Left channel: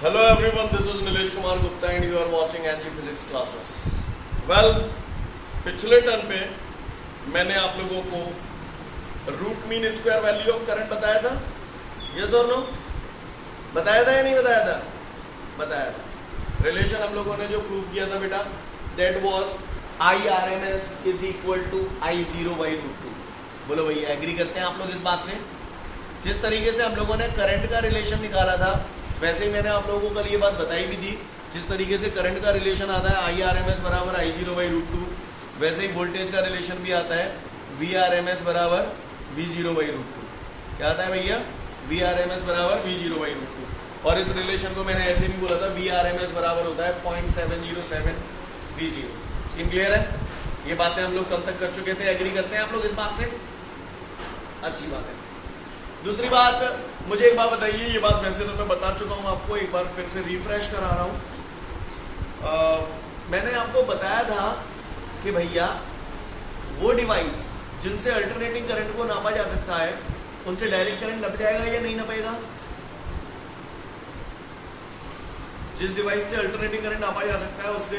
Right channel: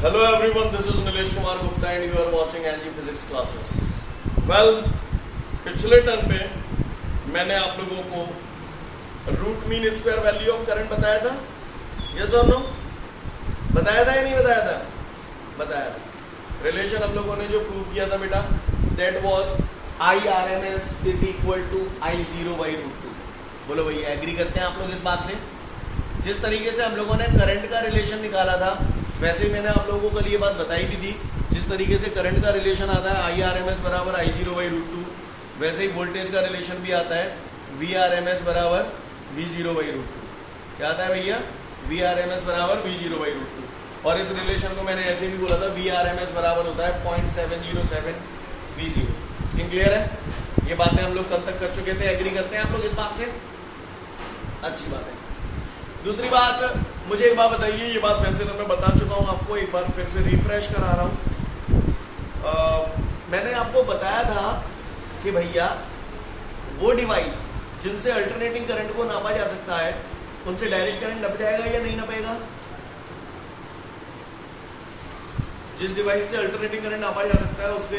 Hello everyone, this is Nilesh Kumar Gupta and you are watching NG Physics classes. Well, पिछले term पे मैंने आप लोगों को root mean square value of current बताया था, यस और नो? बताया था या नहीं बताया था? बताया था। रिलेशन हम लोगों ने जो प्रूव किया था बेटा, that was IRMS is equal to I0 by root 2। बोलो भैया, एग्री करते हैं आप लोग इस बात से? जिस तरीके से हम लोगों ने करंट का रिलेशन निकाला था, वैसे ही मैंने आप लोगों को कल ये बात बताई भी थी। जिस तरीके से करंट का रिलेशन आता है IRMS बराबर I0 बाई रूट 2, वैसे ही वोल्टेज का रिलेशन भी आता है VRMS बराबर V0 बाई रूट 2। क्या आता है भैया? VRMS बराबर V0 बाई रूट 2। और इस रिलेशन को मैंने ऐसे भी बोला था, VRMS बराबर होता है 0.707 V0। सीन क्लियर है? ये बातें हम लोग कल तक कर चुके थे। एग्री करते हैं आप लोग इस बात से? अच्छी बात है। दूसरी बात, मुझे एक बात बताइए, ये बात वैसे तो मैं बता चुका हूं आपको, एक बार फिर से रिफ्रेश करा रहा हूं। मैंने आपको बताया था कि भैया वो डिवाइस जिनसे अल्टरनेटिंग करंट को नापा जा सकता है, उनसे डायरेक्ट करंट नप जाएगा या नहीं नपेगा? जिस डिवाइस से अल्टरनेटिंग करंट नापा जा सकता है, उससे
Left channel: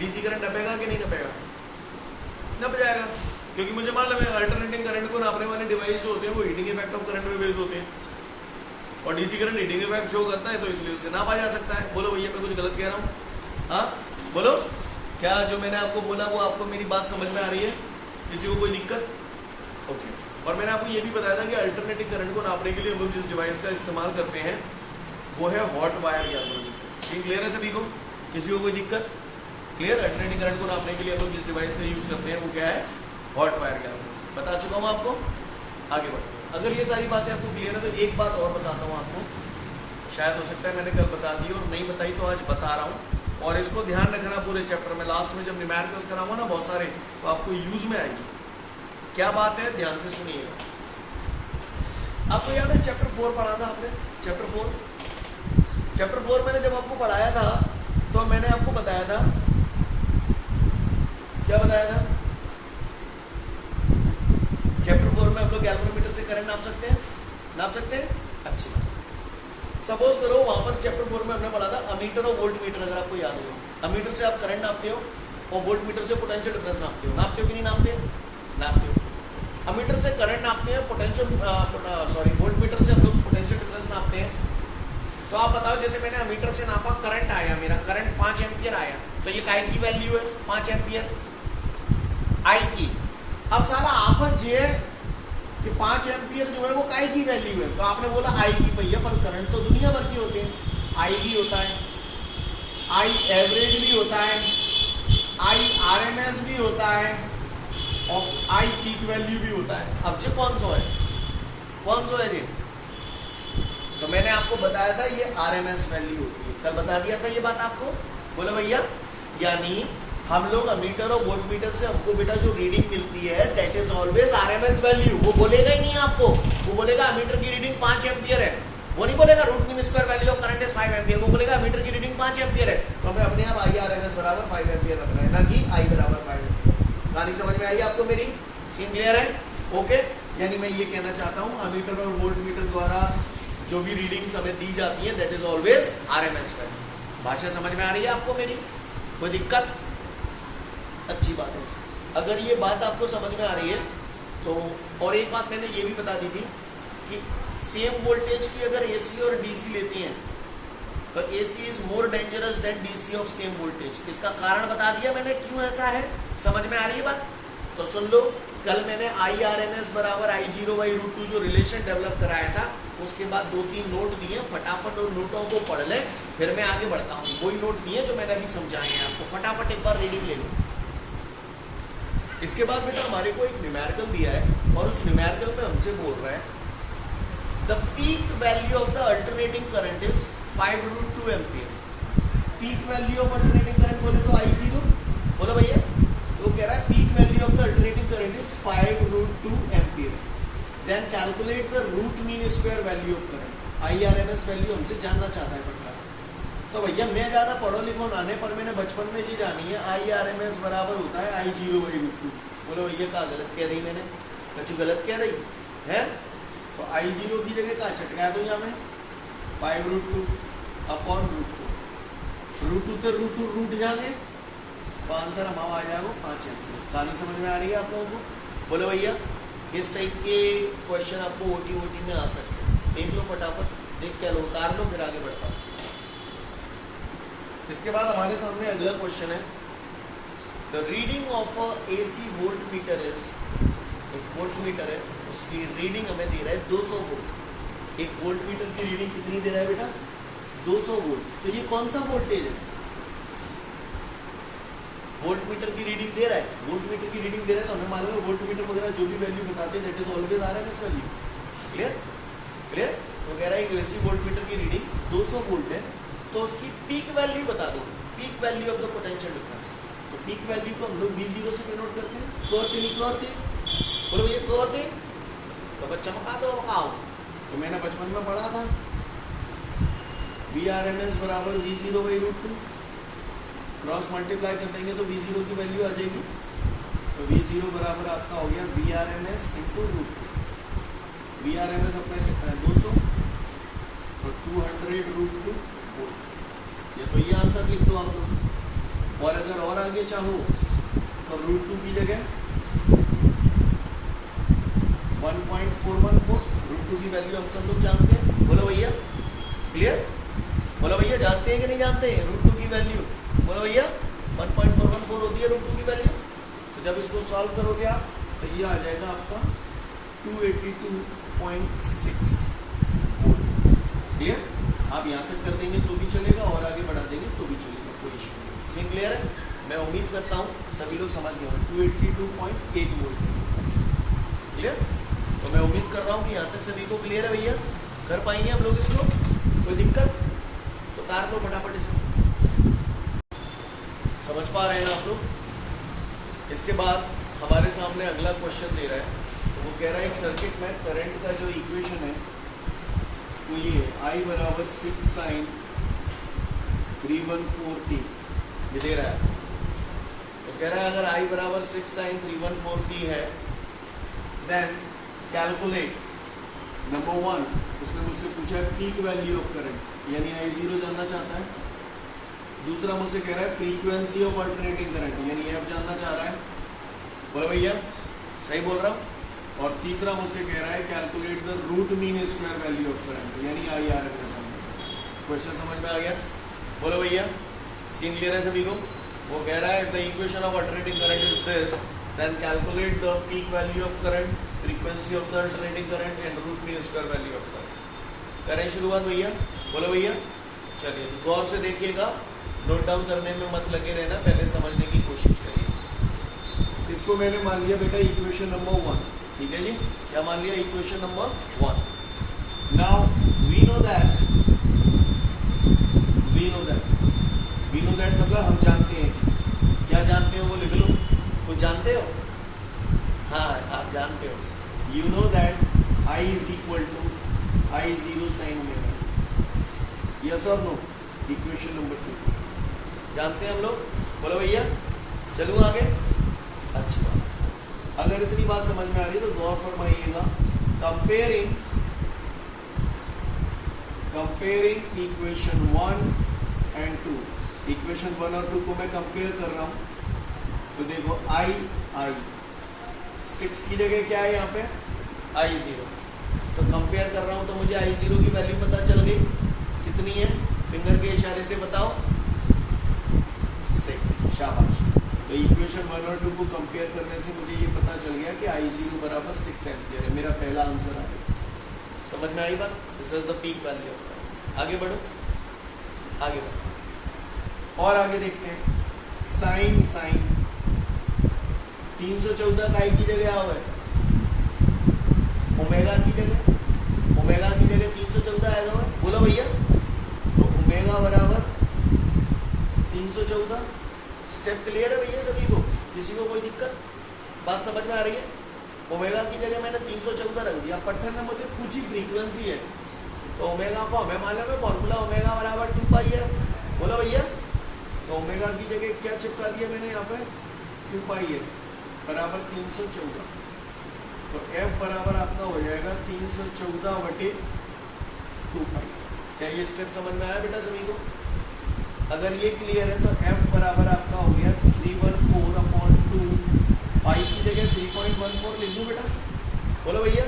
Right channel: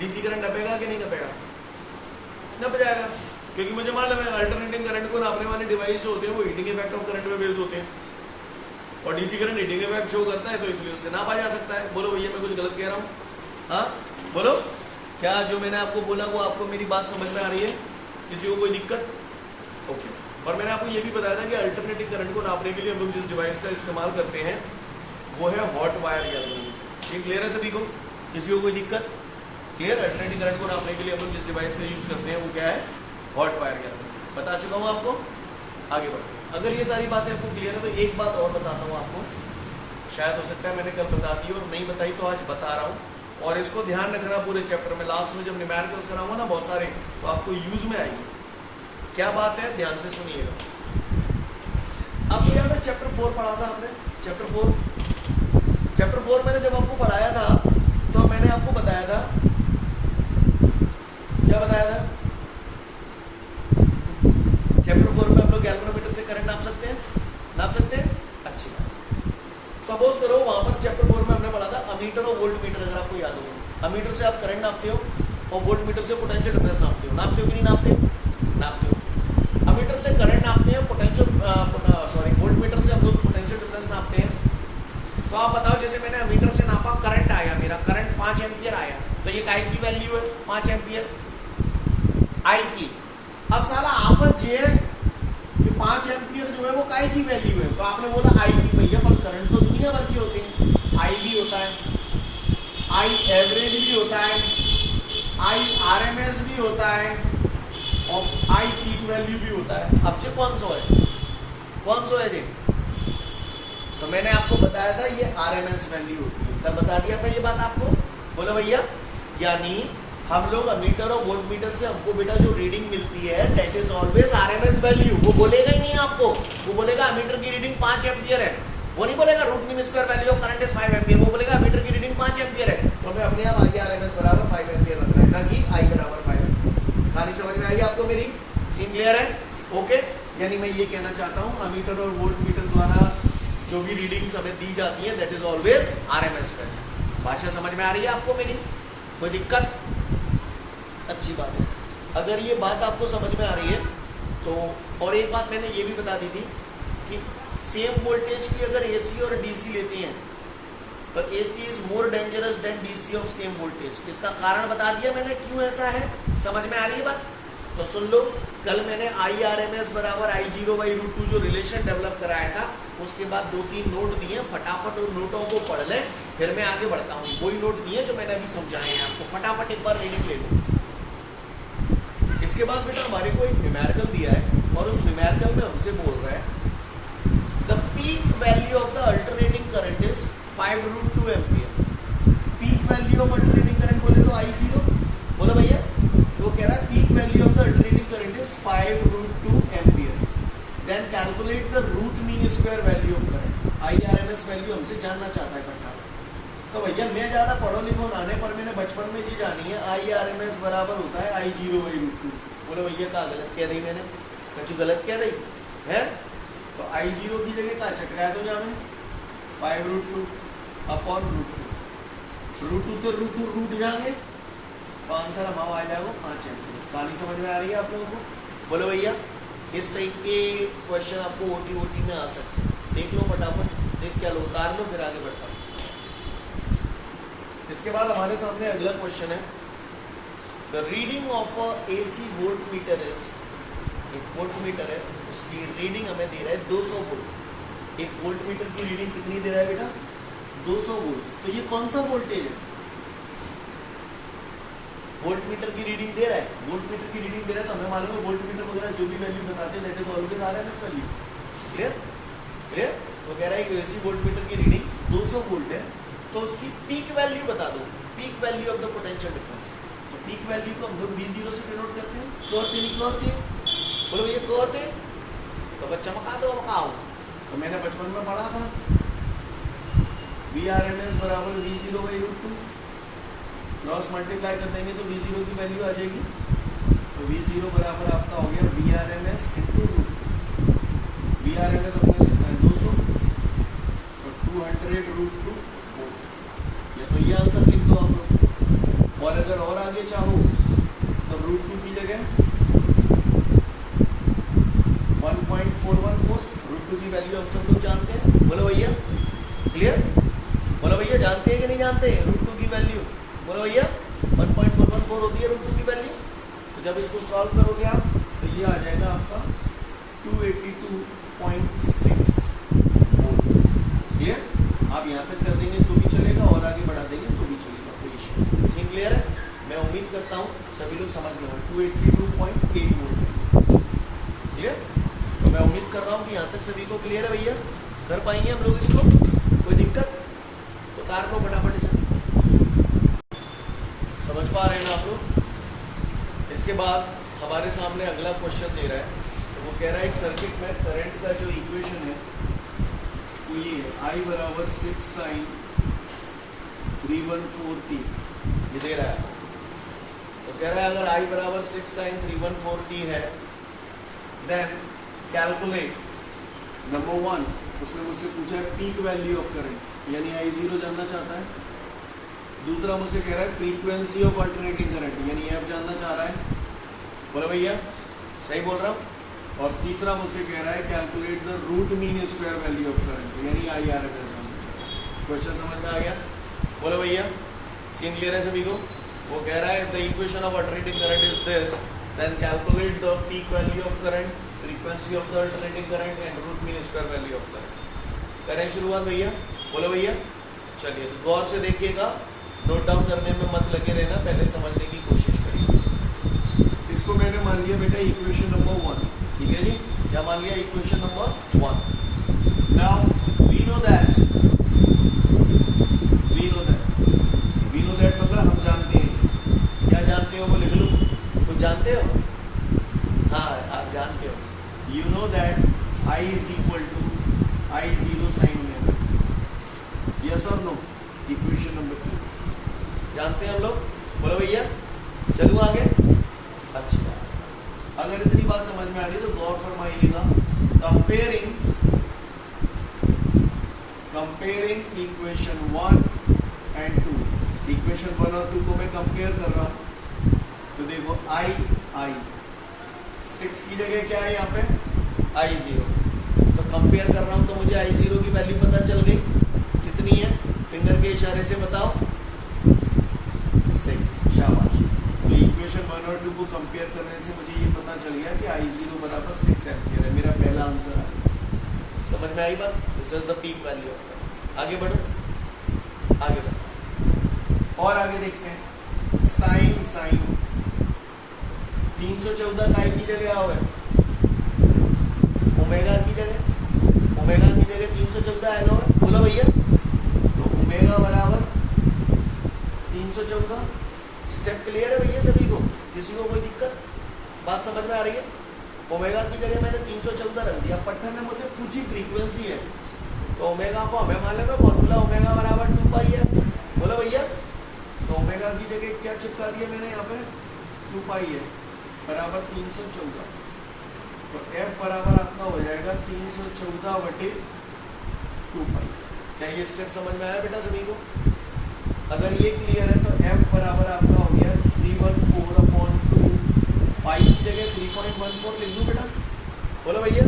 डीसी करंट नपेगा कि नहीं नपेगा? नप जाएगा, क्योंकि मुझे मालूम है अल्टरनेटिंग करंट को नापने वाले डिवाइस जो होते हैं वो हीटिंग इफेक्ट ऑफ करंट में बेस्ड होते हैं, और DC current heating effect show करता है, तो इसलिए उससे नापा जा सकता है। बोलो भैया, मैं कुछ गलत कह रहा हूँ? हाँ बोलो, क्या जो मैंने आपको बोला वो आपको मेरी बात समझ में आ रही है? किसी को कोई दिक्कत? ओके। और मैंने आपको ये भी बताया था कि अल्टरनेटिंग करंट को नापने के लिए हम लोग जिस डिवाइस का इस्तेमाल करते हैं वो है हॉट वायर गैल्वेनोमीटर। ठीक क्लियर है सभी को? किसी को कोई दिक्कत? क्लियर? अल्टरनेटिंग करंट को नापने के लिए हम लोग जिस डिवाइस का यूज करते हैं वो क्या है? Hot wire galvanometer. बता चुका हूं आपको। आगे बढ़ते हैं। अगर ये सारी बातें आपको क्लियर है तो एक बात और बताता हूं आपको, शायद हो सकता है मैंने कल बता दी और नहीं बताई, तो आज बता रहा हूं। और इसको ध्यान रखना पूरे चैप्टर में, लास्ट में जब न्यूमेरिकल्स कराऊंगा ना बहुत सारे, तो आपको यूज में आएगी। क्या बात है, ध्यान से सुनिएगा। आपको याद है चैप्टर 4 पढ़ा था आपने? चैप्टर 4 मैंने जब आपको पढ़ाया था तो मैंने आपको बताया था, क्या बताया था? चैप्टर 4 में आप लोग गैल्वेनोमीटर से करंट नाप सकते हैं? नाप सकते हैं? अच्छी बात। सपोज करो वहां पर चैप्टर 4 में हमने पढ़ा था अमीटर और वोल्ट मीटर, अगर आपको याद होगा। अमीटर से आप करंट नापते हो और वोल्ट मीटर से पोटेंशियल डिफरेंस नापते हो। नापते हो कि नहीं नापते? नापते हो। अमीटर से करंट नापते हैं, पोटेंशियल वोल्ट मीटर से हम लोग पोटेंशियल डिफरेंस नापते हैं। तो आप बताओ, जैसे मैंने अमीटर से नापा, करंट आया, मेरा करंट 5 एम्पियर आया, तो ये काय की वैल्यू है? 5 एम्पियर आई की। अब साला आपस ये कि 5 एम्पियर जो है वो काय की वैल्यू है, तो आपने बोला आई की। भैया पर करंट तो दुनिया भर के होते हैं, आई भी होता है, आई एवरेज भी होता है, आई आरएमएस भी होता है, और आई पीक वैल्यू भी होता है। अब जी कौन सा है? कौन सा है जी? तो मैंने आपको बताया था ये आरएमएस वैल्यू होती है, कल बता दिया था ये बात आपको। बोलो भैया, यानी हम लोग अमीटर और वोल्ट मीटर से हमको बेटा जो रीडिंग मिलती है that is always RMS value. वो बोलेगा ही नहीं आपको, वो बोलेगा अमीटर की रीडिंग 5 एम्पियर है, वो नहीं बोलेगा root mean square value of current is 5 ampere, वो बोलेगा अमीटर की रीडिंग 5 एम्पियर है। तो हमें अपने आप IRMS बराबर 5 एम्पियर रखना है, ना कि I बराबर 5 एम्पियर। कहानी समझ में आई आपको मेरी? सीन क्लियर है? ओके। यानी मैं ये कहना चाहता हूँ, अमीटर और वोल्ट मीटर द्वारा जो भी रीडिंग्स हमें दी जाती है that is always RMS value. भाषा समझ में आ रही है आपको मेरी? कोई दिक्कत? अच्छी बात है। अगर ये बात आपको समझ में आ रही है तो, और एक बात मैंने ये भी बता दी थी कि सेम वोल्टेज की अगर AC और DC लेते हैं तो AC is more dangerous than DC of same voltage. इसका कारण बता दिया मैंने क्यों ऐसा है। समझ में आ रही है बात? तो सुन लो, कल मैंने IRMS बराबर I0 बाई रूट 2 जो रिलेशन डेवलप कराया था, उसके बाद 2-3 नोट दिए, फटाफट उन नोटों को पढ़ लें, फिर मैं आगे बढ़ता हूँ। वही नोट दिए जो मैंने अभी समझाए हैं आपको, फटाफट एक बार रीडिंग ले लो। इसके बाद बेटा हमारे को एक न्यूमेरिकल दिया है, और उस न्यूमेरिकल में हमसे बोल रहा है the peak value of the alternating current is 5 root 2 ampere. Peak value of alternating current बोले तो I0। बोलो भैया, वो कह रहा है peak value of the alternating current is 5 root 2 ampere. Then calculate the root mean square value of current. IRMS value हमसे जानना चाहता है पटना। तो भैया मैं ज्यादा पढ़ो लिखो नाने पर मैंने बचपन में ये जानी है IRMS बराबर होता है I0 बाई रूट 2। बोलो भैया क्या गलत कह रही मैंने? कुछ गलत कह रही है? तो I0 की जगह क्या चटकाया तो यहाँ में 5 रूट 2। अपॉन √2 से √2 रूट जाएंगे तो आंसर हमारा आ जाएगा 5 एम्पियर। कहानी समझ में आ रही है आप लोगों को? बोलो भैया, इस टाइप के क्वेश्चन आपको ओटी में आ सकते हैं। देख लो फटाफट, देख क्या लो, उतार लो, फिर आगे बढ़ता हूँ। इसके बाद हमारे सामने अगला क्वेश्चन है, the reading of a AC volt meter is, एक वोल्ट मीटर है, उसकी रीडिंग हमें दे रहा है 200 वोल्ट। एक वोल्ट मीटर की रीडिंग कितनी दे रहा है बेटा? 200 वोल्ट। तो ये कौन सा वोल्टेज है? वोल्ट मीटर की रीडिंग दे रहा है, वोल्ट मीटर की रीडिंग दे रहा है तो हमें मालूम है वोल्ट मीटर वगैरह जो भी वैल्यू बताते हैं that is always RMS value. Clear clear? तो कह रहा है कि AC वोल्ट मीटर की रीडिंग 200 वोल्ट है, तो उसकी पीक वैल्यू बता दो, peak value of the potential difference. तो पीक वैल्यू को हम लोग V0 से डिनोट करते हैं। क्लोर नहीं क्लोर थे? बोलो ये क्लोर थे तो बच्चा चमका दो, मकाओ। तो मैंने बचपन में पढ़ा था VRMS बराबर V0/√2, क्रॉस मल्टीप्लाई कर देंगे तो V0 की वैल्यू आ जाएगी। तो V0 बराबर आपका हो गया VRMS इंटू √2। VRMS अपने लिखा है 200 और 200√2 वोल्ट। या तो ये आंसर लिख दो आप लोग। और अगर और आगे चाहो तो √2 की जगह 1.414, √2 की वैल्यू हम सब लोग जानते हैं। बोलो भैया, क्लियर? बोलो भैया, जानते हैं कि नहीं जानते हैं √2 की वैल्यू? बोलो भैया, 1.414 होती है √2 की वैल्यू। तो जब इसको सॉल्व करोगे आप तो ये आ जाएगा आपका 282.6 वोल्ट। क्लियर? आप यहाँ तक कर देंगे तो भी चलेगा और आगे बढ़ा देंगे तो भी चलेगा, कोई इशू। सीन क्लियर है? मैं उम्मीद करता हूँ सभी लोग समझ गए होंगे। 282.8 वोल्ट है। क्लियर? तो मैं उम्मीद कर रहा हूँ कि यहाँ तक सभी को क्लियर है भैया। कर पाएंगे हम लोग इसको? कोई दिक्कत? तो तार को फटाफट इसे समझ पा रहे हैं ना आप लोग? इसके बाद हमारे सामने अगला क्वेश्चन दे रहा है, तो वो कह रहा है एक सर्किट में करंट का जो इक्वेशन है वो ये I बराबर 6 sin 314t ये दे रहा है। तो कह रहा है अगर I बराबर 6 sin 314t है देन कैलकुलेट नंबर 1, उसने मुझसे पूछा है पीक वैल्यू ऑफ करंट, यानी I0 जानना चाहता है। दूसरा मुझसे कह रहा है फ्रीक्वेंसी ऑफ अल्टरनेटिंग करंट, यानी F जानना चाह रहा है। बोले भैया, सही बोल रहा हूँ? और तीसरा मुझसे कह रहा है calculate the root mean square value of current, यानी IRMS। क्वेश्चन समझ में आ गया? बोलो भैया, सीन क्लियर है सभी को? वो कह रहा है the equation of alternating current is this, then calculate the peak value of current, frequency of the alternating current and root mean square value of current. करें शुरुआत भैया? बोलो भैया। चलिए तो गौर से देखिएगा, नोट डाउन करने में मत लगे रहना, पहले समझने की कोशिश करिए। इसको मैंने मान लिया बेटा इक्वेशन नंबर 1, ठीक है जी? क्या मान लिया? Equation number 1। Now we know that मतलब हम जानते हैं। क्या जानते हो वो लिख लो। कुछ जानते हो? हाँ, आप जानते हो। You know that I is equal to I0 sin omega। Yes और नो? इक्वेशन नंबर 2 जानते हैं हम लोग? बोलो भैया, चलूँ आगे? अच्छी बात। अगर इतनी बात समझ में आ रही है तो गौर फरमाइएगा। कंपेयरिंग इक्वेशन 1 एंड 2, इक्वेशन 1 और 2 को मैं कंपेयर कर रहा हूं। तो देखो I 6 की जगह क्या है यहाँ पे? I0। तो कंपेयर कर रहा हूं तो मुझे I0 की वैल्यू पता चल गई। कितनी है? फिंगर के इशारे से बताओ। 6। शाबाश। तो इक्वेशन 1 और 2 को कंपेयर करने से मुझे ये पता चल गया कि I0 बराबर 6 एम्पियर है। मेरा पहला आंसर आ गया। समझ में आई बात? This is the peak value of current. आगे बढ़ो, आगे बढ़ो और आगे देखते हैं। साइन 314 का I की जगह हुआ है ओमेगा की जगह 314 आएगा हुआ। बोलो भैया, तो ओमेगा बराबर 314। स्टेप क्लियर है भैया सभी को? किसी को कोई दिक्कत? बात समझ में आ रही है? ओमेगा की जगह मैंने 314 रख दिया। पट्टन ने मुझे पूछी फ्रीक्वेंसी है, तो ओमेगा को हमें मालूम है फॉर्मूला ओमेगा बराबर 2πf। बोलो भैया, तो ओमेगा की जगह क्या चिपका दिया मैंने यहाँ पे? 2πf बराबर 314। तो f बराबर आपका हो जाएगा 314/2π। क्या ये स्टेप समझ में आया बेटा सभी को? अगर ये क्लियर है तो f बराबर आपका हो गया 314/2 पाई की जगह 3.14 लिख दूं बेटा, बोलो भैया।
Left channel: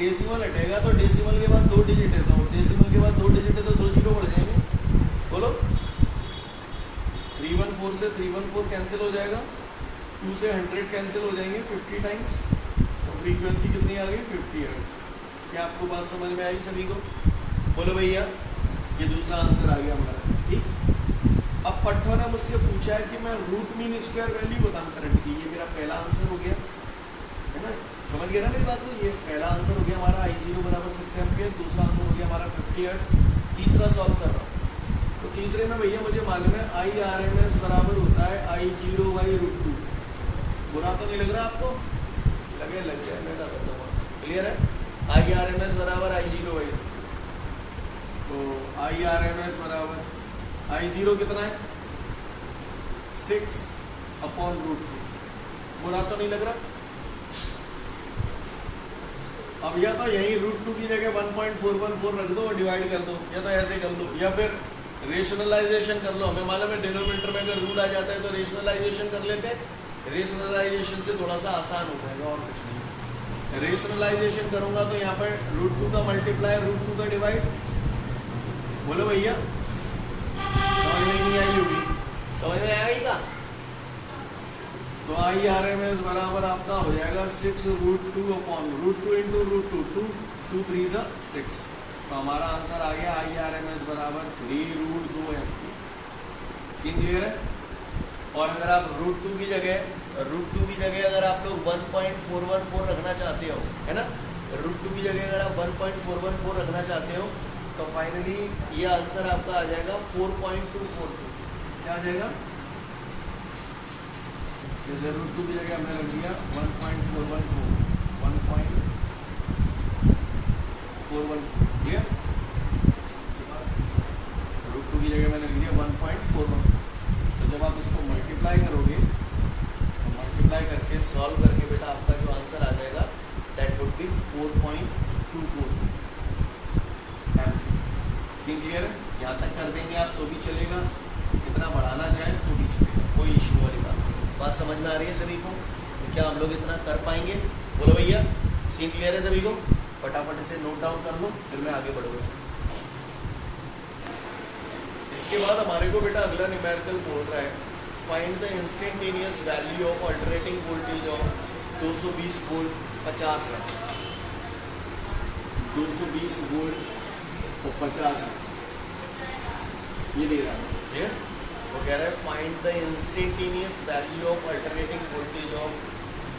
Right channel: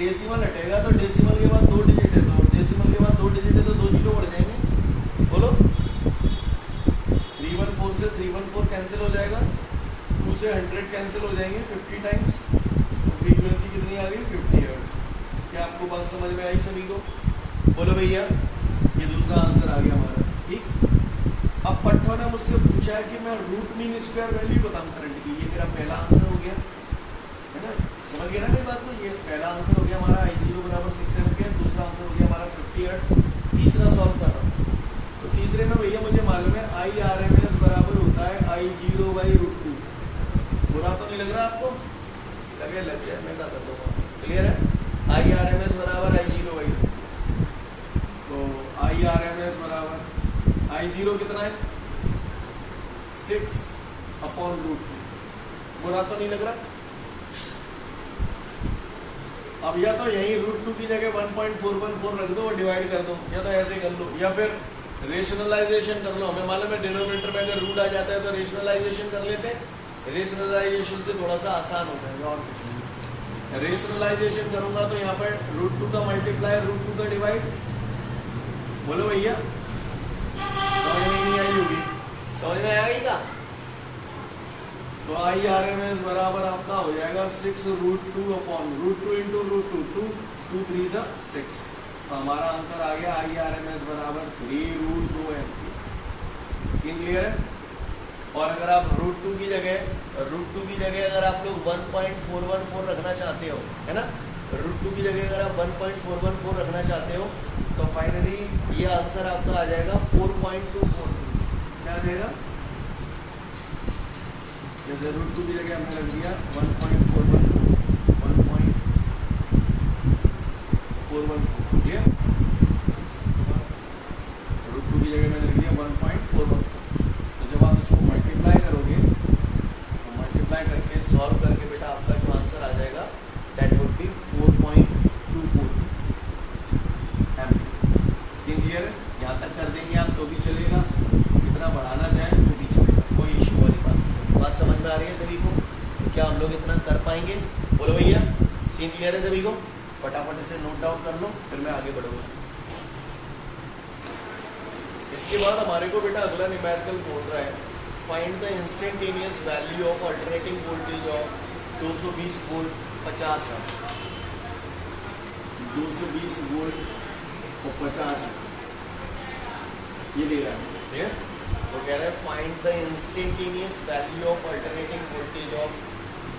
डेसिमल हटेगा तो डेसिमल के बाद 2 डिजिट है, तो डेसिमल के बाद 2 डिजिट है तो 2 जीरो बढ़ जाएंगे, बोलो। 314 से 314 कैंसिल हो जाएगा, 2 से 100 कैंसिल हो जाएंगे 50 टाइम्स, तो फ्रीक्वेंसी कितनी आ गई 50 हर्ट्ज। क्या आपको बात समझ में आई सभी को? बोलो भैया, ये दूसरा आंसर आ गया हमारा, ठीक। अब पट्टो ने मुझसे पूछा है कि मैं रूट मीन स्क्वायर वैल्यू बताऊं करंट की, ये मेरा पहला आंसर हो गया है ना, समझ गया ना मेरी बात को? ये पहला आंसर हो गया हमारा I0 बराबर 6 एम्पियर, दूसरा आंसर हो गया हमारा 50 हर्ट्ज, तीसरा सॉल्व कर रहा हूँ। तो तीसरे में भैया मुझे मालूम है IRMS बराबर होता है I0/√2। बुरा तो नहीं लग रहा आपको? लगे लग जाए, मैं बता देता हूँ, क्लियर है? IRMS बराबर I0/√2, तो IRMS बराबर I0 कितना है 6/√2। बुरा तो नहीं लग रहा? अब या तो यही √2 की जगह 1.414 रख दो और डिवाइड कर दो, या तो ऐसे कर लो, या फिर रेशनलाइजेशन कर लो। हमें मालूम है डिनोमिनेटर में अगर रूट आ जाता है तो रेशनलाइजेशन कर लेते हैं, रेशनलाइजेशन से थोड़ा सा आसान हो जाएगा और कुछ नहीं। रेशनलाइजेशन करूंगा तो यहाँ पर √2 का मल्टीप्लाई, √2 का डिवाइड, बोलो भैया, समझ में नहीं आई होगी? समझ में आएगी का? तो IRMS बराबर आपका हो जाएगा 6√2/√2 इंटू √2, 2 3 6। तो हमारा आंसर आ गया IRMS बराबर 3√2 एम्पियर। सीन क्लियर है? और अगर आप √2 की जगह अगर आप लोग 1.414 रखना चाहते हो, है ना, √2 की जगह अगर आप 1.414 रखना चाहते हो तो फाइनली ये आंसर आपका आ जाएगा 4.242। क्या आ जाएगा? जैसे √2 की जगह हमने रख दिया 1.414, 1.414, क्लियर? √2 की जगह मैंने लिख दिया 1.414। तो जब आप इसको मल्टीप्लाई करोगे तो मल्टीप्लाई करके सॉल्व करके बेटा आपका जो आंसर आ जाएगा that would be 4.24 ampere. Scene clear है? यहाँ तक कर देंगे आप तो भी चलेगा, कितना बढ़ाना चाहें तो भी चलेगा, कोई इशू वाली बात नहीं। बात समझ में आ रही है सभी को? तो क्या हम लोग इतना कर पाएंगे? बोलो भैया, सीन क्लियर है सभी को? फटाफट से नोट डाउन कर लो, फिर मैं आगे बढ़ूंगा। इसके बाद हमारे को बेटा अगला न्यूमेरिकल बोल रहा है find the instantaneous value of alternating voltage of 220 volt 50 है, 220 वोल्ट और 50 है, ये दे रहा है। वो कह रहा है find the instantaneous value of alternating voltage of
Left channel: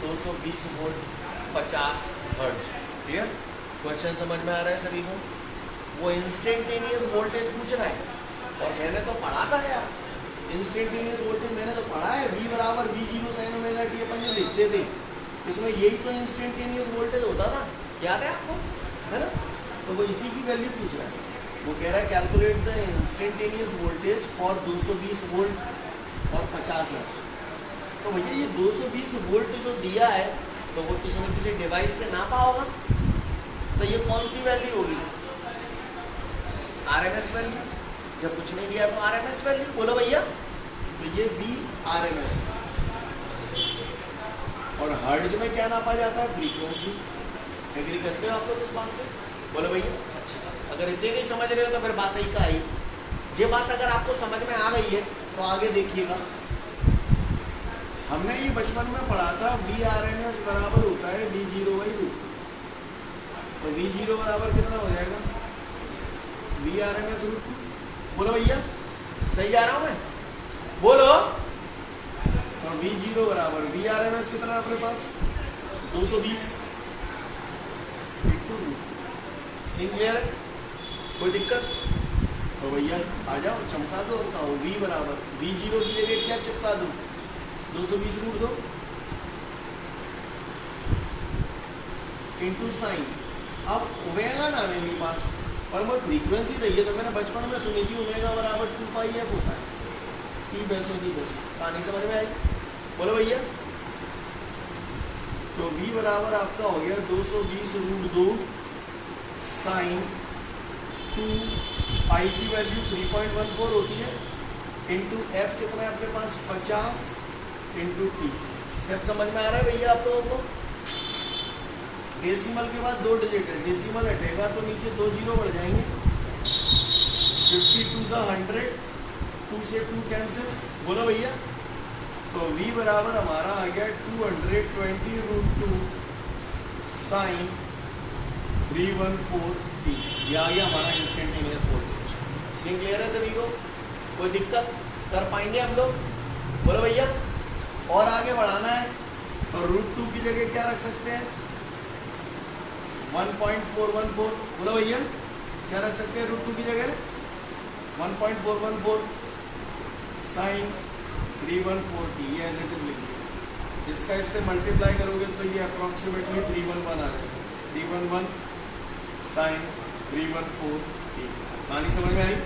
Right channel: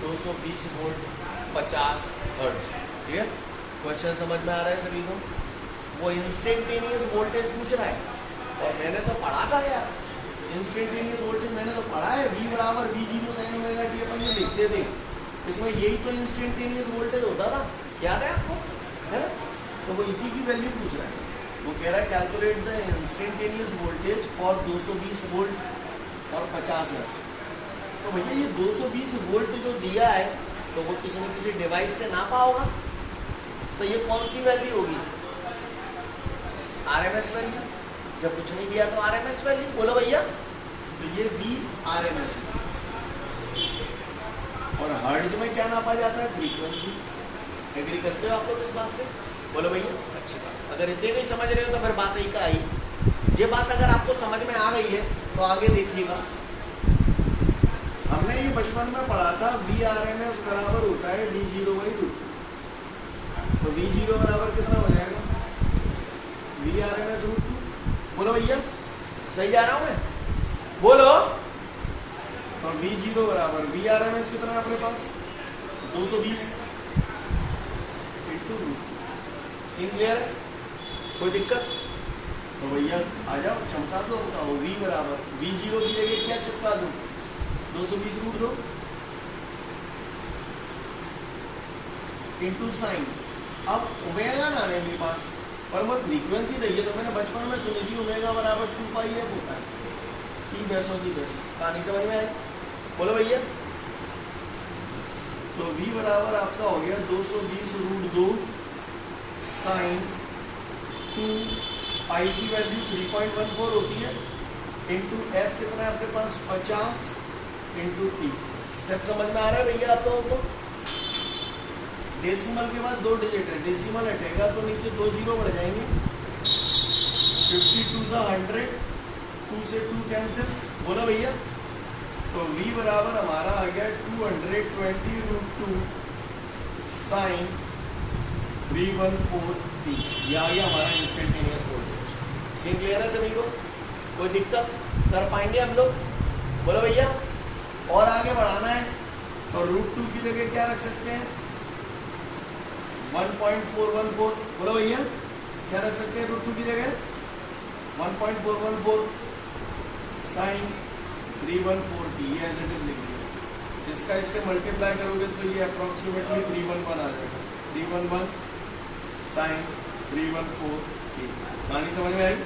220 volt 50 hertz. Clear? Question समझ में आ रहा है सभी को? वो इंस्टेंटेनियस वोल्टेज पूछ रहा है और मैंने तो पढ़ा था यार, इंस्टेंटेनियस वोल्टेज मैंने तो पढ़ा है, V बराबर V0 sin ओमेगा t अपन ये लिखते थे, इसमें यही तो इंस्टेंटेनियस वोल्टेज होता था, याद है आपको? है ना? तो वो इसी की वैल्यू पूछ रहा है। वो कह रहा है calculate the instantaneous voltage for 220 volt और 50 हर्ट्ज। तो भैया ये 220 वोल्ट जो दिया है तो वो किसी डिवाइस से नापा होगा, तो ये कौन सी वैल्यू होगी? RMS value. जब कुछ नहीं दिया तो RMS वैल्यू, बोलो भैया। तो ये VRMS और हर्ट्ज में क्या नापा जाता है? फ्रीक्वेंसी। एग्री करते हो आप लोग इस बात से? बोलो भैया। अच्छी बात। अगर इतने नहीं समझ रहे हो तो फिर बात ही का आई। ये बात अगर आपको समझ में आ गई है तो आगे देखिएगा। हमने ये बचपन में पढ़ा था VRMS बराबर होता है V0/√2। तो V0 बराबर कितना हो जाएगा? VRMS√2। बोलो भैया, सही जा रहा हूं मैं? बोलो। और V0 बराबर VRMS कितना है अपने पास? 220 × √2। सीन क्लियर है? कोई दिक्कत? तो भैया आ जाओ, चमका दो, बताओ V बराबर V0 की जगह क्या चिपका दूं? 220√2 इंटू साइन। अब ओमेगा ना आने मेरे पास, पर मैं फ्रीक्वेंसी दी तो मैंने बचपन में सुनी थी ओमेगा बराबर 2πf होता है। P पैसों की पैसों कहानी समझ में आई? बोलो भैया। तो V बराबर आपका हो गया 220√2 साइन 2 पाई की वैल्यू 3.14 होती है इंटू एफ कितना है आपके पास 50 इंटू टी। स्टेप समझ में आ रहा है भैया आप लोगों को? डेसिमल के बाद 2 डिजिट है, डेसिमल हटेगा तो नीचे 2 जीरो बढ़ जाएंगे। 52 सा 100, 2 से 2 कैंसिल, बोलो भैया। तो v बराबर हमारा आ गया 220√2 साइन 314t। ये आ गया हमारा इंस्टेंटेनियस वोल्टेज। सीन क्लियर है सभी को? कोई दिक्कत कर पाएंगे हम लोग? बोलो भैया। और आगे बढ़ाना है तो √2 की जगह क्या रख सकते हैं 1.414। बोलो भैया क्या रख सकते हैं √2 की जगह 1.414 साइन 314t। ये एज इट इज लिख दिया। इसका इससे मल्टीप्लाई करोगे तो ये अप्रोक्सीमेटली 311 आ जाएगा। 311 साइन 314t। कहानी समझ में आई?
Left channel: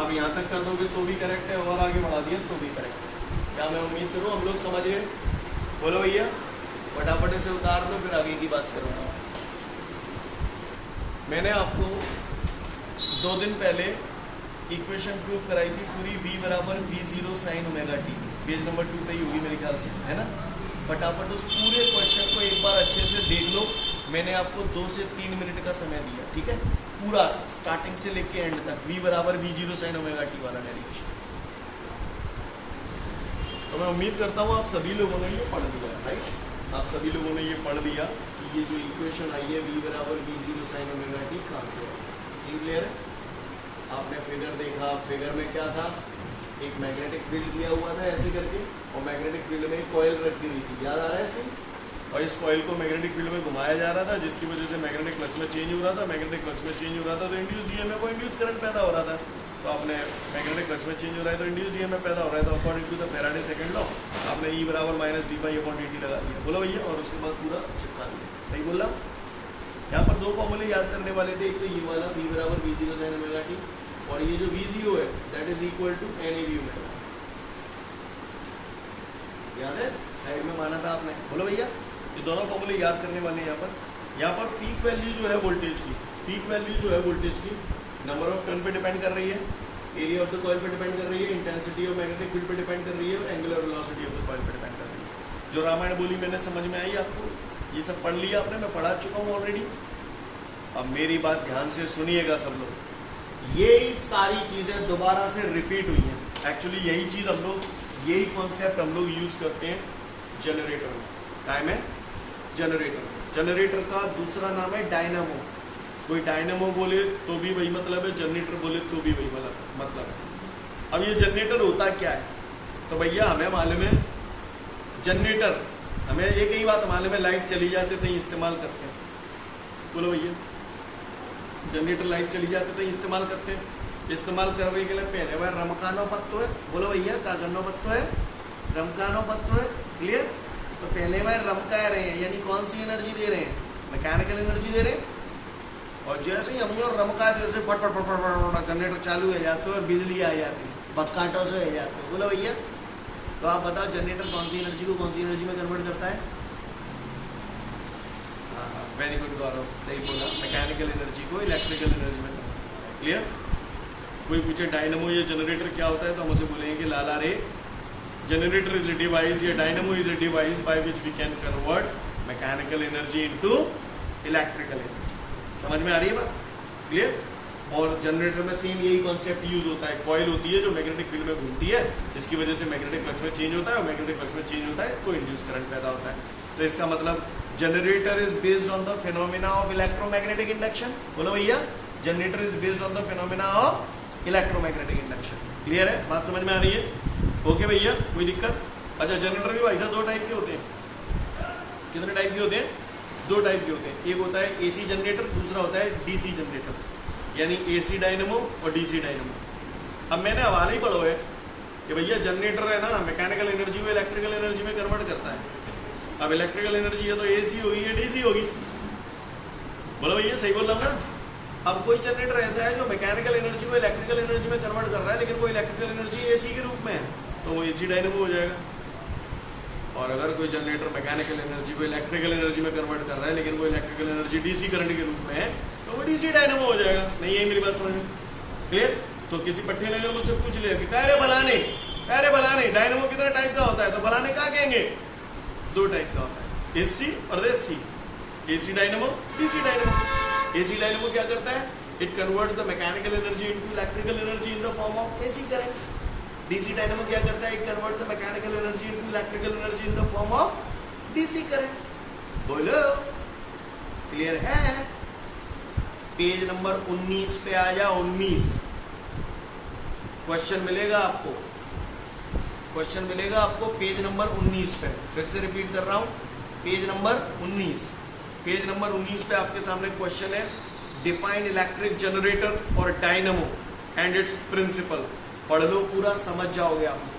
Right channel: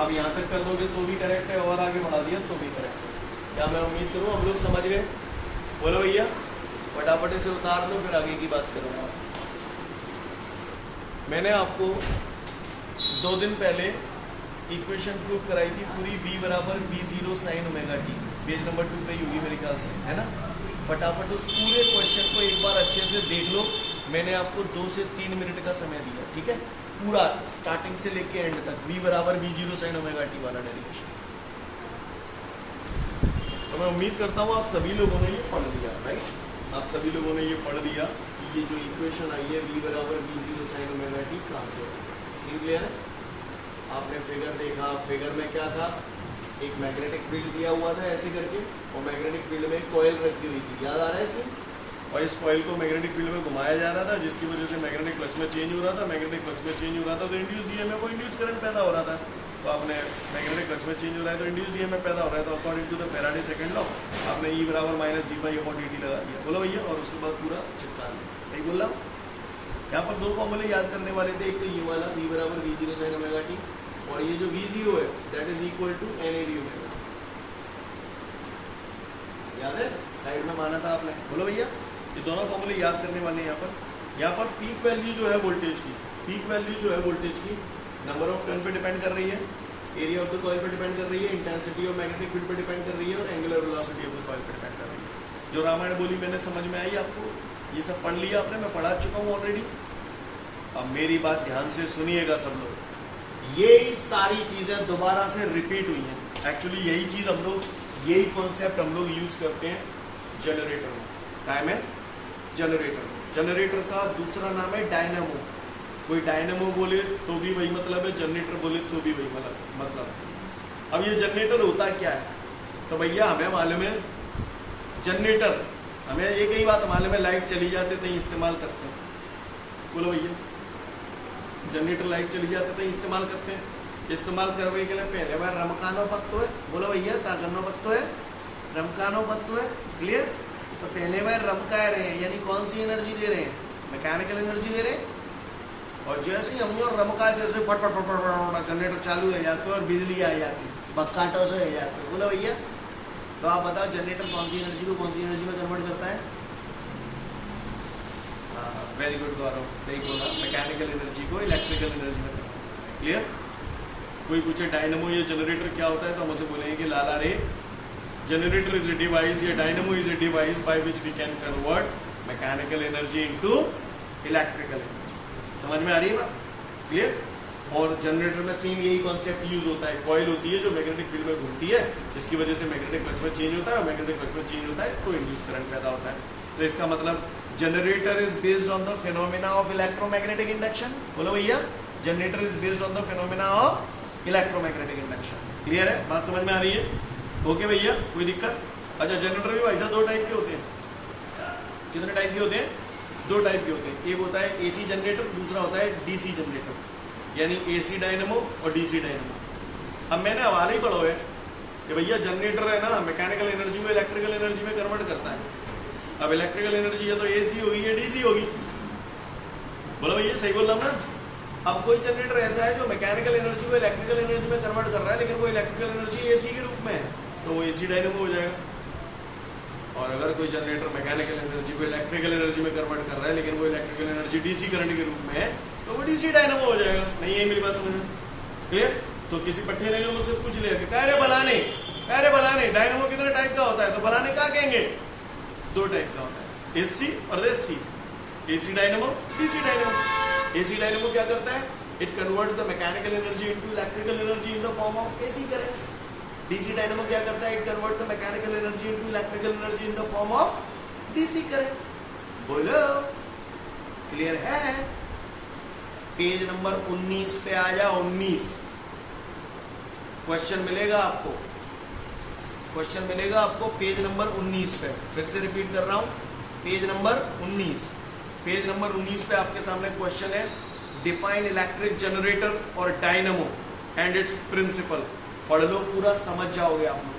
आप यहाँ तक कर दोगे तो भी करेक्ट है और आगे बढ़ा दिया तो भी करेक्ट है। क्या मैं उम्मीद करूँ हम लोग समझ गए? बोलो भैया फटाफट से उतार दो फिर आगे की बात करूँगा। मैंने आपको 2 दिन पहले इक्वेशन प्रूव कराई थी पूरी v बराबर v0 sine omega T. Page number 2 पे ही होगी मेरे ख्याल से, है ना? फटाफट उस पूरे क्वेश्चन को एक बार अच्छे से देख लो। मैंने आपको 2 से 3 मिनट का समय दिया, ठीक है? पूरा स्टार्टिंग से लेके एंड तक v बराबर v0 साइन ओमेगा टी वाला डेरिवेशन। तो मैं उम्मीद करता हूँ आप सभी लोगों ने ये पढ़ लिया, राइट? आप सभी लोगों ने ये पढ़ लिया कि ये जो इक्वेशन आई है v बराबर v0 साइन ओमेगा टी कहाँ से है। सीन क्लियर है? आपने फिगर देखा, फिगर में क्या था, एक मैग्नेटिक फील्ड दिया हुआ था ऐसे करके और मैग्नेटिक फील्ड में कॉइल रखी हुई थी, याद आ रहा है इसे? और इस कॉइल को मैग्नेटिक फील्ड में घुमाया जा रहा था जिसकी वजह से मैग्नेटिक फ्लक्स में चेंज हो रहा था। मैग्नेटिक फ्लक्स में चेंज हो रहा था तो इंड्यूस डीएमएफ और इंड्यूस करंट पैदा हो रहा था। तो आपने मैग्नेटिक फ्लक्स में चेंज हो रहा है तो इंड्यूस डीएमएफ पैदा हो रहा है तो according to the Faraday second law आपने E बराबर -d/dt लगा दिया। बोलो भैया। और उसके बाद पूरा चिपका दिया। सही बोल रहा हूँ? यहाँ पर 2 फॉर्मूले याद करने वाले थे। एक तो ये वाला v बराबर v0 साइन ओमेगा टी और ये जो v0 है that is equal to NAV omega. याद है? साइड में माना था आपने। बोलो भैया। ये दोनों फॉर्मूले याद करने वाले हैं। यहाँ पर पीक वैल्यू जो है वोल्टेज की, पीक वैल्यू जो है वोल्टेज की नंबर ऑफ टर्न पे डिपेंड कर रही है, एरिया ऑफ द कॉइल पे डिपेंड कर रही है, इंटेंसिटी ऑफ मैग्नेटिक फील्ड पे डिपेंड कर रही है और angular velocity of the coil पे डिपेंड कर रही है। जो रामायण बोली मैंने समझ में आई आपको? ये सब पढ़ लिया आपने? मैं पढ़ा चुका हूँ ऑलरेडी। अब मेरी बात ध्यान से सुनिएगा सब लोग। ये सारी चीजें दोबारा से रिपीट हुई हैं। एक्चुअली यही चीज हम लोग, यही कॉन्सेप्ट हम लोग यूज करते हैं जनरेटर में। काय में? जनरेटर। जनरेटर का दूसरा नाम है डायनामो। कोई डायनामो बोले तो भी वही मतलब है, जनरेटर बोले तो भी वही मतलब है। अब ये जनरेटर होता क्या है? तो भैया हमें मालूम है जनरेटर, हमें एक ही बात मालूम है, लाइट चली जाती तो इस्तेमाल करते हैं। बोलो भैया। जनरेटर लाइट चली जाती तो इस्तेमाल करते हैं। इस्तेमाल करने के लिए पहले वह रमकानो पत्तो है। बोलो भैया का गन्नो पत्तो है? रमकानो पत्तो है। क्लियर? तो पहले वह रमका रहे हैं यानी कौन सी एनर्जी दे रहे हैं? मैकेनिकल एनर्जी दे रहे हैं। और जैसे ही हम जो रमका जैसे फट फट फट फट जनरेटर चालू हो जाते और बिजली आ जाती है, बक्काटों से हो जाते हैं। बोलो भैया। तो आप बताओ जनरेटर कौन सी एनर्जी को कौन सी एनर्जी में कन्वर्ट करता है? वेरी गुड गौरव, सही बोला। मैकेनिकल एनर्जी को इलेक्ट्रिकल एनर्जी में कन्वर्ट करता है। क्लियर? कोई पूछे डायनामो या जनरेटर क्या होता है तो हम उसे बोलेंगे कि लाला रे जनरेटर इज अ डिवाइस या dynamo is a device by which we can convert mechanical energy into electrical energy. समझ में आ रही है बात? क्लियर? और जनरेटर में सेम यही कॉन्सेप्ट यूज होता है। कॉइल होती है जो मैग्नेटिक फील्ड में घूमती है जिसकी वजह से मैग्नेटिक फ्लक्स में चेंज होता है और मैग्नेटिक फ्लक्स में चेंज होता है तो इंड्यूस करंट पैदा होता है। तो इसका मतलब generator is based on the phenomena of electromagnetic induction. बोलो भैया। Generator is based on the phenomena of electromagnetic induction. Clear है? बात समझ में आ रही है? ओके भैया। कोई दिक्कत? अच्छा जनरेटर भी भाई साहब 2 टाइप के होते हैं। कितने टाइप के होते हैं? 2 टाइप के होते हैं। एक होता है एसी जनरेटर, दूसरा होता है डीसी जनरेटर यानी एसी डायनेमो और डीसी डायनेमो। अब मैंने हवाले ही पढ़ो है कि भैया जनरेटर है ना मैकेनिकल एनर्जी को इलेक्ट्रिकल एनर्जी में कन्वर्ट करता है। अब इलेक्ट्रिकल एनर्जी है तो एसी होगी या डीसी होगी? बोलो भैया। सही बोल रहा हूँ ना? अब कोई जनरेटर ऐसा है जो मैकेनिकल एनर्जी को इलेक्ट्रिकल एनर्जी में कन्वर्ट कर रहा है लेकिन वो इलेक्ट्रिकल एनर्जी एसी के रूप में है तो वो एसी डायनेमो हो जाएगा। और अगर कोई जनरेटर मैकेनिकल एनर्जी को इलेक्ट्रिकल एनर्जी में कन्वर्ट कर रहा है लेकिन वो इलेक्ट्रिकल एनर्जी डीसी करंट के रूप में है तो वो डीसी डायनामो हो जाएगा। नहीं है मेरी बात समझ में? क्लियर? तो किसी पट्टे ने मुझसे पूछ लिया कि अरे बलाने डायनामो कितने टाइप का होता है, तो बलाने क्या कहेंगे? 2 टाइप का होता है, एसी और AC. AC dynamo, DC dynamo. AC dynamo क्या करता है? It converts the mechanical energy into electrical energy in the form of AC current. DC dynamo क्या करता है? It converts the mechanical energy into electrical energy in the form of DC current. बोलो, clear है? Page number 19 पे आ जाओ। 19 question मिलेगा आपको, question मिलेगा आपको पेज नंबर 19 पे। फिर से रिपीट कर रहा हूं, पेज नंबर 19। पेज नंबर 19 पे आपके सामने क्वेश्चन है, डिफाइन इलेक्ट्रिक जनरेटर और डायनामो एंड इट्स प्रिंसिपल। पढ़ लो पूरा, समझ जाओगे आप लोग।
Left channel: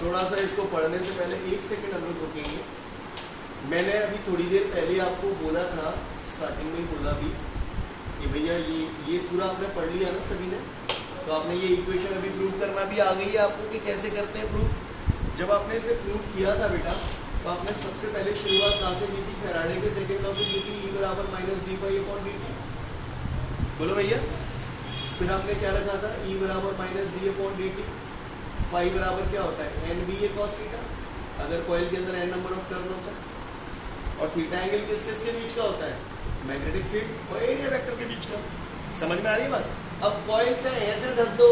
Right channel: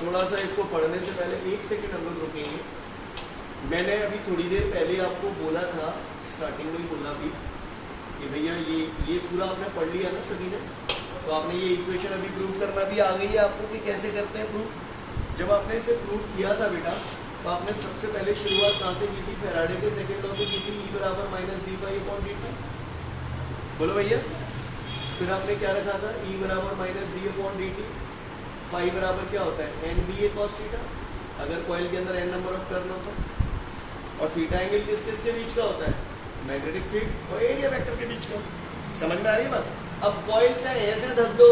थोड़ा सा इसको पढ़ने से पहले 1 सेकंड हम लोग रुकेंगे। मैंने अभी थोड़ी देर पहले आपको बोला था, स्टार्टिंग में ही बोला भी कि भैया ये पूरा आपने पढ़ लिया ना सभी ने, तो आपने ये इक्वेशन अभी प्रूव करना भी आ गई है आपको कि कैसे करते हैं प्रूव। जब आपने इसे प्रूव किया था बेटा, तो आपने सबसे पहले शुरुआत कहाँ से की थी? फैराडे के सेकंड लॉ से की थी, E बराबर minus D by upon D T. बोलो भैया। फिर आपने क्या रखा था? E बराबर minus D upon D T. Phi बराबर क्या होता है? N B A cos theta, अगर कॉइल के अंदर n नंबर ऑफ टर्न होता है। और थीटा एंगल किस किस के बीच का होता है? मैग्नेटिक फील्ड और एरिया वेक्टर के बीच का। समझ में आ रही है बात? अब कॉइल चाहे ऐसे धर दो,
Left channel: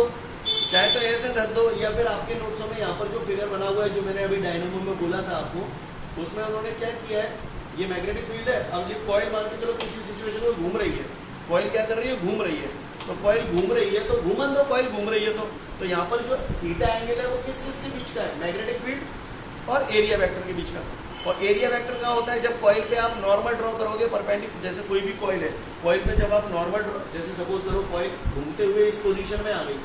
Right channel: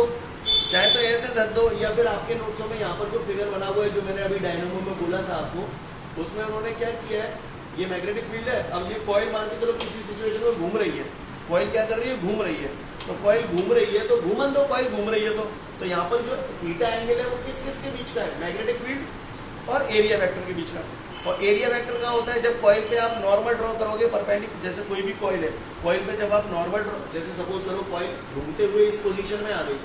चाहे तो ऐसे धर दो, या फिर आपके नोट्सों में यहाँ पर जो फिगर बना हुआ है, जो मैंने अभी डायनामो में बोला था आपको, उसमें उन्होंने क्या किया है? ये मैग्नेटिक फील्ड है। अब ये कॉइल मान के चलो किसी सिचुएशन में घूम रही है, कॉइल क्या कर रही है? घूम रही है। तो कॉइल घूम रही है तो घूमन दो, कॉइल घूम रही है तो यहाँ पर जो थीटा एंगल है वो किस किस के बीच का है? मैग्नेटिक फील्ड और एरिया वेक्टर के बीच का। और एरिया वेक्टर कहाँ होता है? जब कॉइल पे आप नॉर्मल ड्रॉ करोगे परपेंडिकुलर, जैसे कोई भी कॉइल है, कॉइल पे जब आप नॉर्मल ड्रॉ, जैसे सपोज करो कॉइल घूमते हुए इस पोजीशन में आ गई,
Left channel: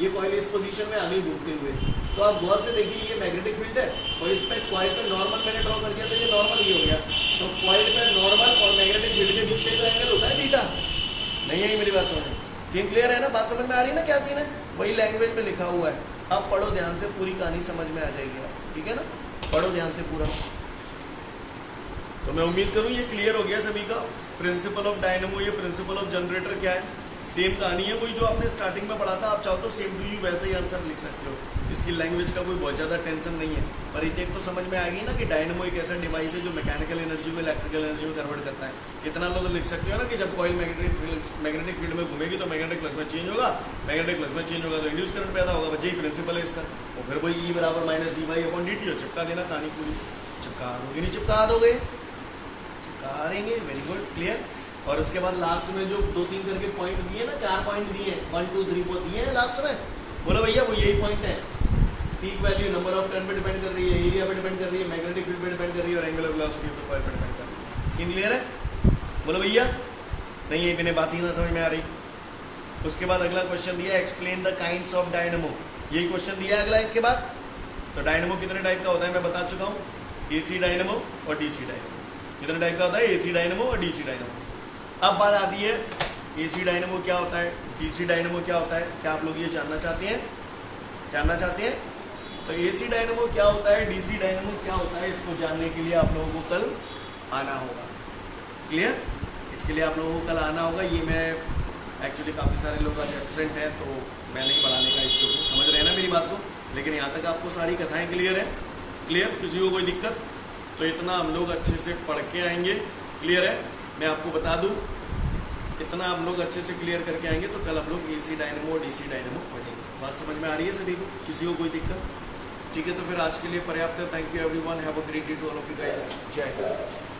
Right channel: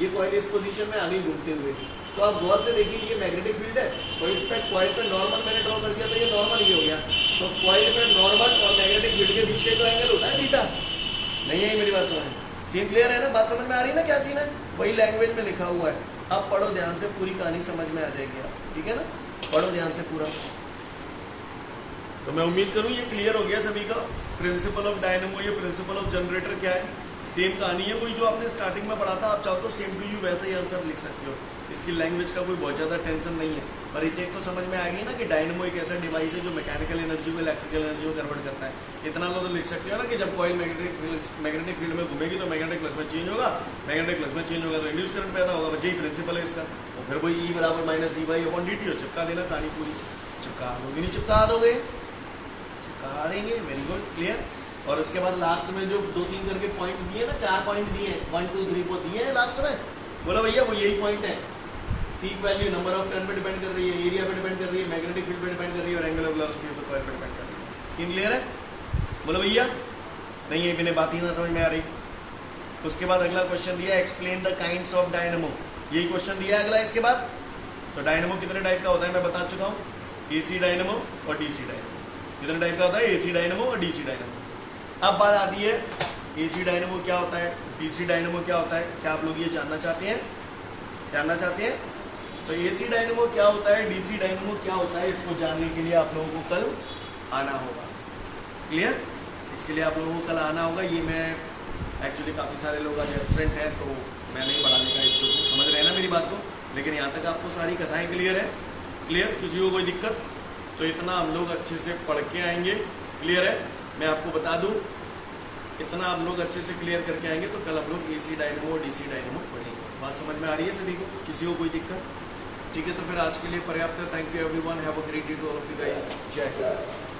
ये कॉइल इस पोजीशन में आ गई घूमते हुए, तो आप गौर से देखिए ये मैग्नेटिक फील्ड है और इस पे कॉइल पे नॉर्मल मैंने ड्रॉ कर दिया, तो ये नॉर्मल ये हो गया। तो कॉइल पे नॉर्मल और मैग्नेटिक फील्ड के बीच का तो एंगल होता है थीटा। नहीं है मेरी बात समझ? सीन क्लियर है ना? बात समझ में आ रही है ना क्या सीन है? वही लैंग्वेज में लिखा हुआ है। अब पढ़ो ध्यान से, पूरी कहानी समझ में आ जाएगी आप, ठीक है ना? पढ़ो ध्यान से पूरा। तो मैं उम्मीद करूं ये क्लियर हो गया सभी का। प्रिंसिपल ऑफ डायनामो, ये प्रिंसिपल ऑफ जनरेटर क्या है? सेम कहानी है, कोई जो आपने स्टार्टिंग में पढ़ा था, आप चाहो तो सेम टू यू वैसे ही आंसर लिख सकते हो। इसकी लैंग्वेज का कोई बहुत ज्यादा टेंशन नहीं है। पर एक तो समझ में आ गई ना कि डायनामो एक ऐसा डिवाइस है जो मैकेनिकल एनर्जी को इलेक्ट्रिकल एनर्जी में कन्वर्ट करता है। इतना लोग लिख सकते हो ना कि जब कॉइल मैग्नेटिक फील्ड में घूमेगी तो मैग्नेटिक प्लस में चेंज होगा, मैग्नेटिक प्लस में चेंज होगा तो रिड्यूस करंट पैदा होगा। यही प्रिंसिपल है इसका। और फिर वही E बराबर minus D by upon D T हो। चिपका देना कहानी पूरी। चिपका दोगे नहीं? चिपका दोगे? चिपका देंगे। Very good, clear. और उसके बाद लास्ट में जो 2-3 करके पॉइंट दिए ना, 4 पॉइंट दिए, 1 2 3 4 दिए हैं लास्ट में। बोलो भैया वो यही पॉइंट है। Peak value number of turn पे डिपेंड कर रही है, एरिया पे डिपेंड कर रही है, मैग्नेटिक फील्ड पे डिपेंड कर रही है और एंगुलर वेलोसिटी पे कॉइल पे डिपेंड कर रही है। सीन क्लियर है? बोलो भैया। नहीं है बिना बात ही ना समझ में आ रही। उसके बाद अगला क्वेश्चन दिया, explain the kinds of dynamo. यही क्वेश्चन दिया अगला इसके बाद। तो डायनामो कितने टाइप का होता है मैं बता चुका हूँ, एसी डायनामो और डीसी डायनामो। कितने टाइप का होता है? एसी डायनामो और डीसी डायनामो। अब बात आती है एसी डायनामो क्या होता है, डीसी डायनामो क्या होता है। क्या आप लोग ये जानना चाहते हैं? जानना चाहते हैं? तो एसी डायनामो क्या होता है, डीसी डायनामो क्या होता है, इसको जानने के लिए आप लोगों को कल आना होगा। क्लियर? इसके लिए आप लोगों को कल आना होगा। ये मैं एक्चुअली काफ़ी सारे लोग आज एब्सेंट हैं तो मैं नहीं पढ़ाने का इच्छुक हूँ। समझ रहे हैं ना मेरी बात को? लेकिन यहाँ तक आपको सारी कथाएँ क्लियर है? क्लियर? किसी को कोई दिक्कत? तो इतना हम लोग अच्छे से पढ़ के आएंगे। क्लियर है? मैं आपको बता दूं, इतना हम लोग अच्छे से क्लियर करके आएंगे तो कल हम लोग एसी डायनामो और डीसी डायनामो पढ़ेंगे। बात समझ में आ रही है सभी को? किसी को कोई दिक्कत? ठीक है, तो फिर आज के लिए पर्याप्त है। Thank you everyone, have a great day to all of you guys. जय हिंद।